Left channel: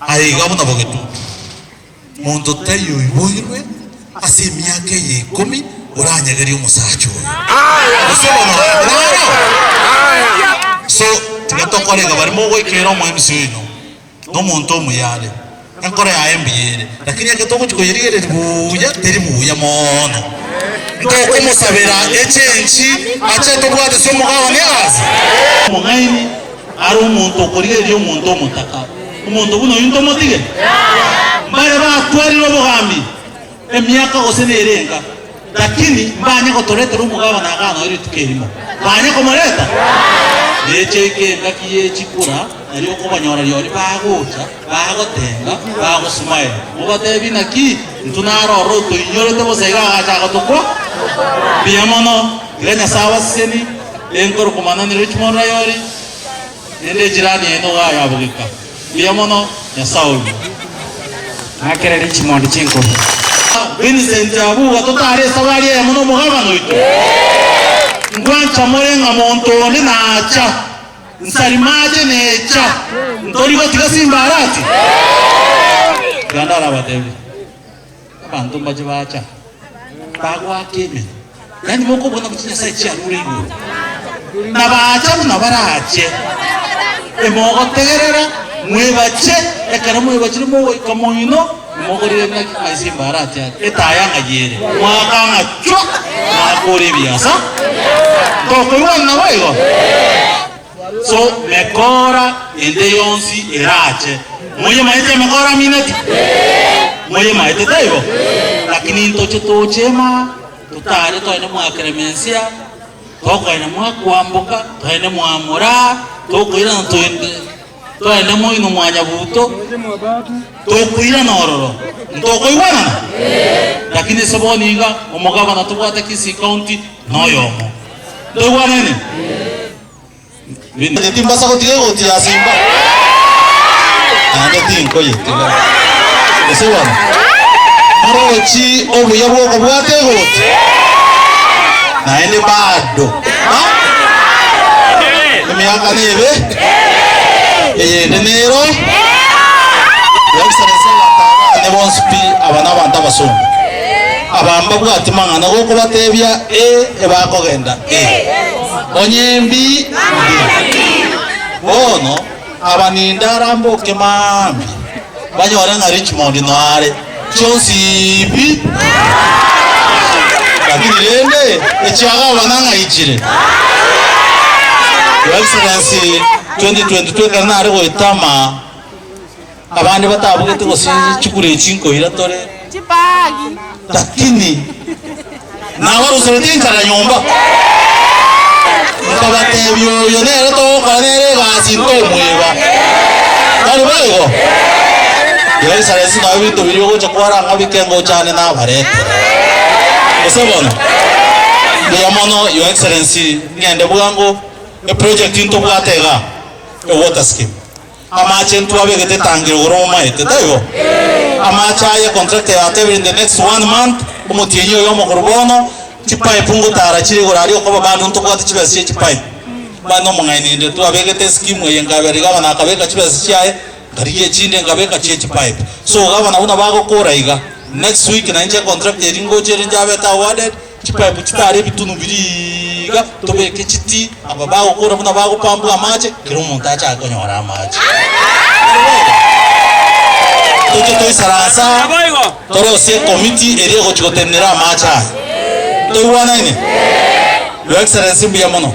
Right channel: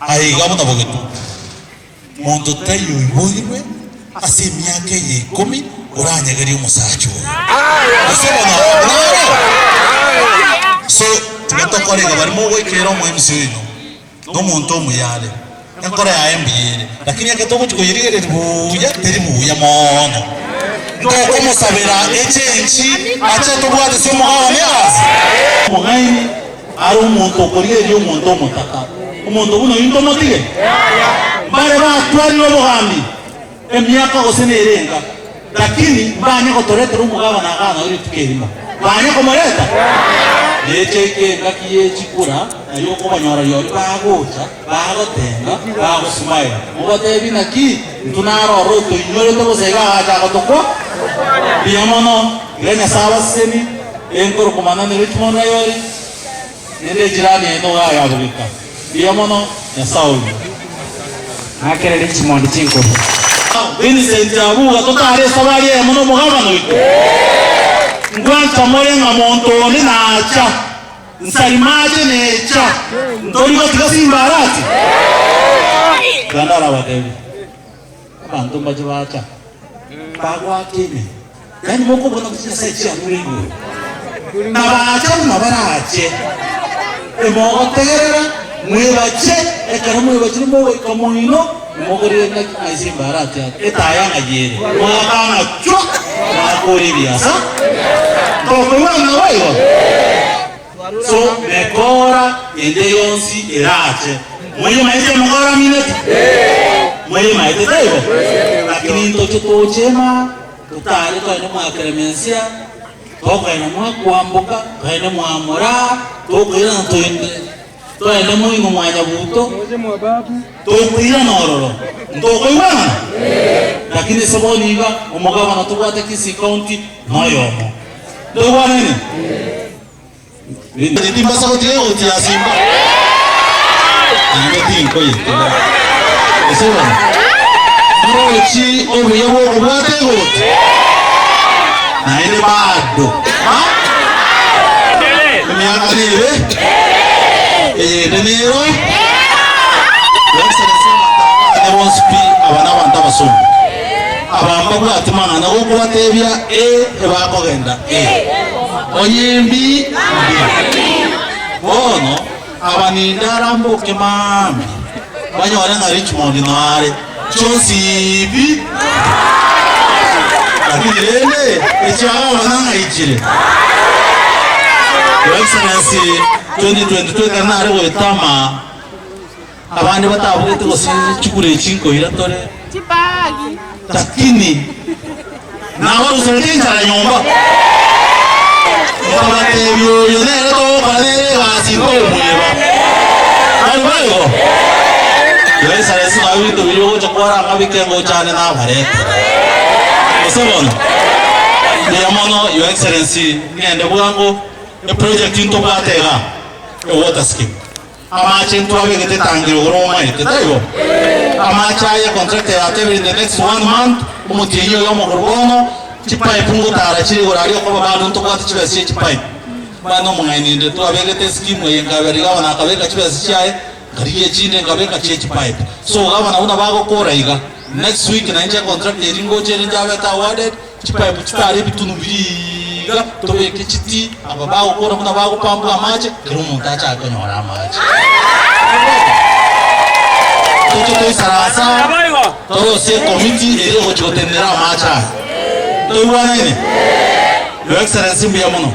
Aigabona bogetu muntu tayo iboyirwe ase myaka ye 10 uranyagari umusacho so tutokorega barimo wekero mu MC ino no muntu omuyale enkora ya MBL lakini yakatogo tukuyirire buya teri buya mono ndoko musabira echenchi acha tubwate so mugaho nyazi mugaini ari umuntu okoriye byo umuntu omutaka umuntu buno yinto notire mbare ba twali no bugambi emyaka osenerenga lakini mbanye ko torete rumugabo nakana iri tukerimo mbanye ko mareta yecheke ngakiye chikura ari ko banyora yori bagocha bagotenga bagosmaye mugatebi naki ntunaro roto inyore to bosega acha gotoko biamono grena sawaseni enkor kumana ni Richmond yori ere jirani eno ya bugika biamono ya sauli akere Richmond chinko Vincent Abu atotare sawali ya muno muhamano iko ngwancha moyenga monto ni nacha nsalimaje necha ndori ko tikasimbarati gandara watewe abantu baje bacha bagwa kene yani moko bona kuchisa sechi amuringo na bacha una barache emo otegerera mwebache ekaramu bachiro mo kamoino mogori na azimbarati etayanga yere wakana cho makori biasa to kumana waigo so mekora ende yonsi erache moyo maite mekora mineti moyo maite taigo lakini tochema tutale twaine mwa kremensia twaine mwa kuambuka twaine mwa mura twaine ntoinde twaine moyo mwanya buto twaine nororo ndoko iwana lakini saboni iga umugaba na tubata kisi county noyomo ndo wanene ndi timbasa ko tiyo tia simba ande tinko yete esewa marochi obuye bwo bwate gote na ile bado ha myaka nibe denero ne bonspi abana banta basonga abamba bwati mangana go kubatebya bakogenda onyimbi bono abaninda ramboke mami banyora na Richmond nare chosibi lakini lele echaga bananga ichire Excellency 2022 kanare wetama abandi batabugete gosi chikure chinko iratore chipagi lakini nawe usotinga la nyumba ukabatebyo yonere to kanere basinko mweba ari bayo yesa yesu nawe to biro chakora ngabikengo cyane nabarete esebona yamono your excellency ngende bugango a project into bwatega a water scheme amache ntwabegete tangire uroma etego amacha ya contract ya tebe in the next 1 month umutiyo yo mukorbono chipai pungu tara chiri urari ko babantu ntokwato chibasi chipai bano mungani ndo twabegete scheme yengaberi gabana akabeka chibasi chaye kariye chinde ngabeka chipai so gabana una bago koraiga next week na nje contract yeringo chere njabe ta awarded chipai buchitari bitunu biriga tobeke chiti ababago kora muna bago pambu amache kirumu tacha akonyora amache tuto sarasa toro se committee ere hochotenera amacha to wana ni Your Excellency biamono